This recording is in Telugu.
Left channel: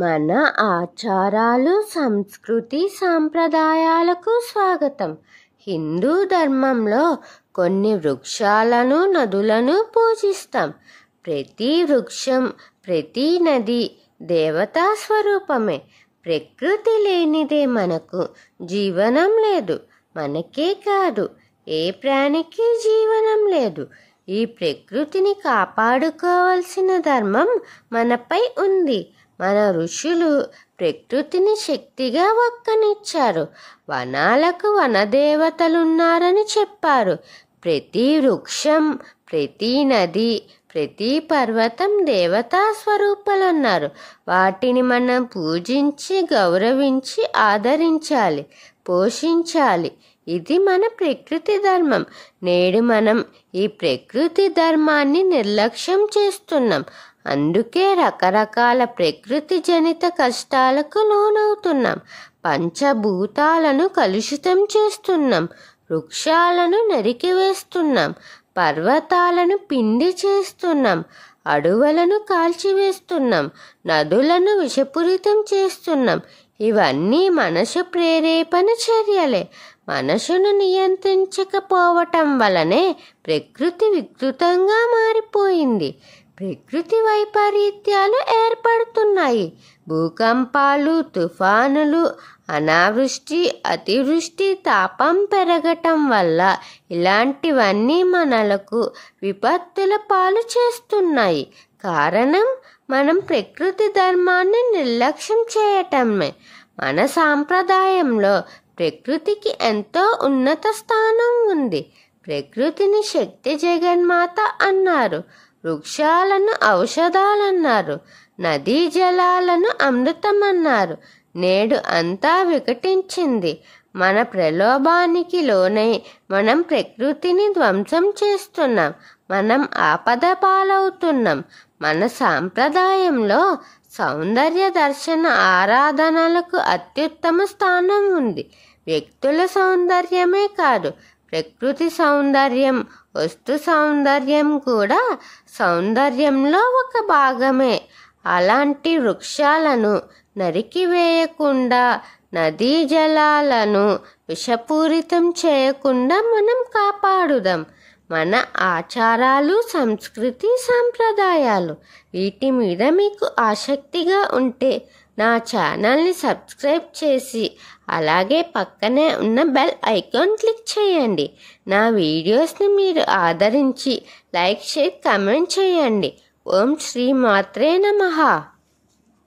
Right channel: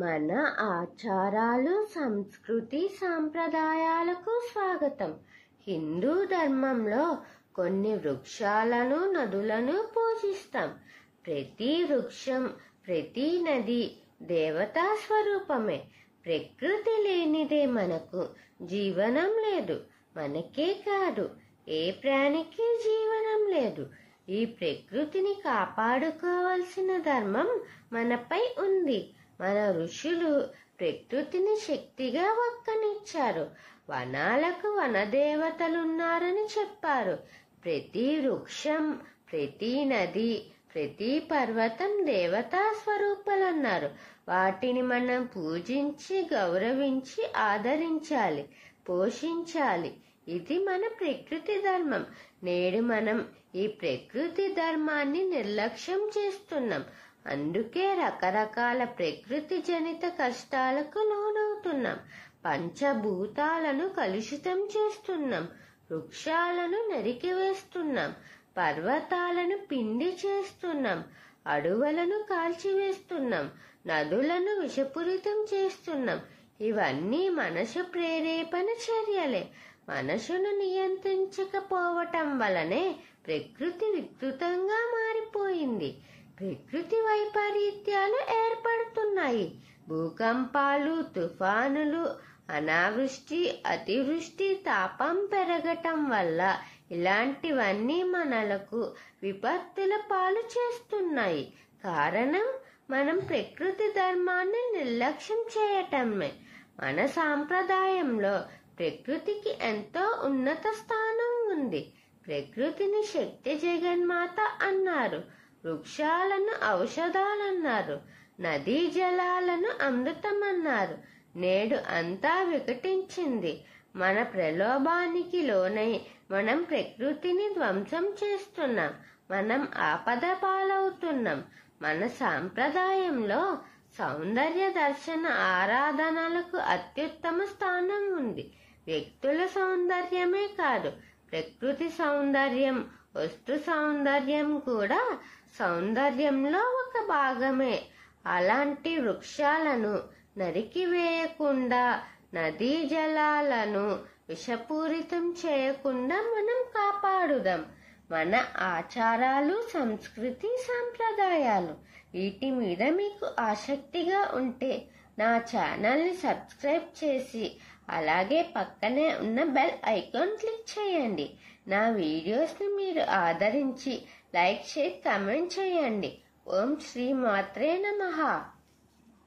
మన ఆచారాలు, సంస్కృతి, సాంప్రదాయాలకు స్వాగతం. హిందూ ధర్మంలో కొన్ని వృక్షాలను, నదులను పూజిస్తాం. ప్రతి వృక్షం, ప్రతి నది దేవతా స్వరూపమే. ప్రకృతి లేనిదే మనకు జీవనం లేదు. మనకే కాదు, ఏ ప్రాణికి జీవనం లేదు. ఈ ప్రకృతిని కాపాడుకోవాల్సిన ధర్మం మనపై ఉంది. మన ఋషులు ప్రకృతిని శక్తిగా వక్కనిచ్చారు. వనాలకు వనదేవతలున్నారని చెప్పారు. ప్రతి వృక్షం, ప్రతి నది, ప్రతి పర్వతం దేవతా స్వరూపాలన్నారు. వాటిని మనం పూజించి, గౌరవించి, ఆదరించాలి, పోషించాలి. ఇది మన ప్రకృతి ధర్మం. నేడు మనం ఈ ప్రకృతి ధర్మాన్ని నిర్లక్ష్యం చేస్తున్నాం. అందుకే రకరకాల ప్రకృతి జనిత కష్టాలకు లోనవుతున్నాం. పంచభూతాలను కలుషితం చేస్తున్నాం. వృక్షాలను నరికివేస్తున్నాం. పర్వతాలను పిండి చేస్తున్నాం. అడవులను కాల్చివేస్తున్నాం. నదులను విషపూరితం చేస్తున్నాం. ఇవన్నీ మనసు ప్రేరేపణ చర్యలే. మనసును నియంత్రించకపోవటం వలనే ప్రకృతి వికృతంగా మారిపోయింది. ప్రకృతి వైపరీత్యాలు ఏర్పడుతున్నాయి. భూకంపాలు, తుఫానులు, అనావృష్టి, అతివృష్టి, తాపం పెరగటం వల్ల ఇలాంటివన్నీ మనలకు విపత్తుల పాలు చేస్తున్నాయి. కారణం మనం ప్రకృతి ధర్మాన్ని నిర్లక్ష్యం చేయటమే. మన సాంప్రదాయంలో ప్రకృతికి ఎంతో ఉన్నత స్థానం ఉంది. ప్రకృతిని శక్తి జగన్మాత అన్నారు. వృక్షాలను ఔషధాలన్నారు. నదీ జలాలను అమృతమన్నారు. నేడు అంతా వికటించింది. మన ప్రలోభానికి లోనై మనం ప్రకృతిని ధ్వంసం చేస్తున్నాం. మనం ఆపద పాలవుతున్నాం. మన సాంప్రదాయంలో సౌందర్య దర్శన ఆరాధనలకు అత్యుత్తమ స్థానం ఉంది. వ్యక్తుల సౌందర్యమే కాదు, ప్రకృతి సౌందర్యం, వస్తు సౌందర్యం కూడా సౌందర్యంలో ఒక భాగమే. అలాంటి వృక్షాలను నరికివేయకుండా, నదీ జలాలను విషపూరితం చేయకుండా మనం కాపాడుదాం. మన ఆచారాలు, సంస్కృతి, సాంప్రదాయాలు వీటి మీద మీకు ఆసక్తిగా ఉంటే నా ఛానల్ని సబ్స్క్రైబ్ చేసి అలాగే పక్కనే ఉన్న బెల్ ఐకాన్ క్లిక్ చేయండి. నా వీడియోస్ని మీరు ఆదరించి లైక్, షేర్, కామెంట్ చేయండి. ఓం శ్రీ మాత్రే నమః.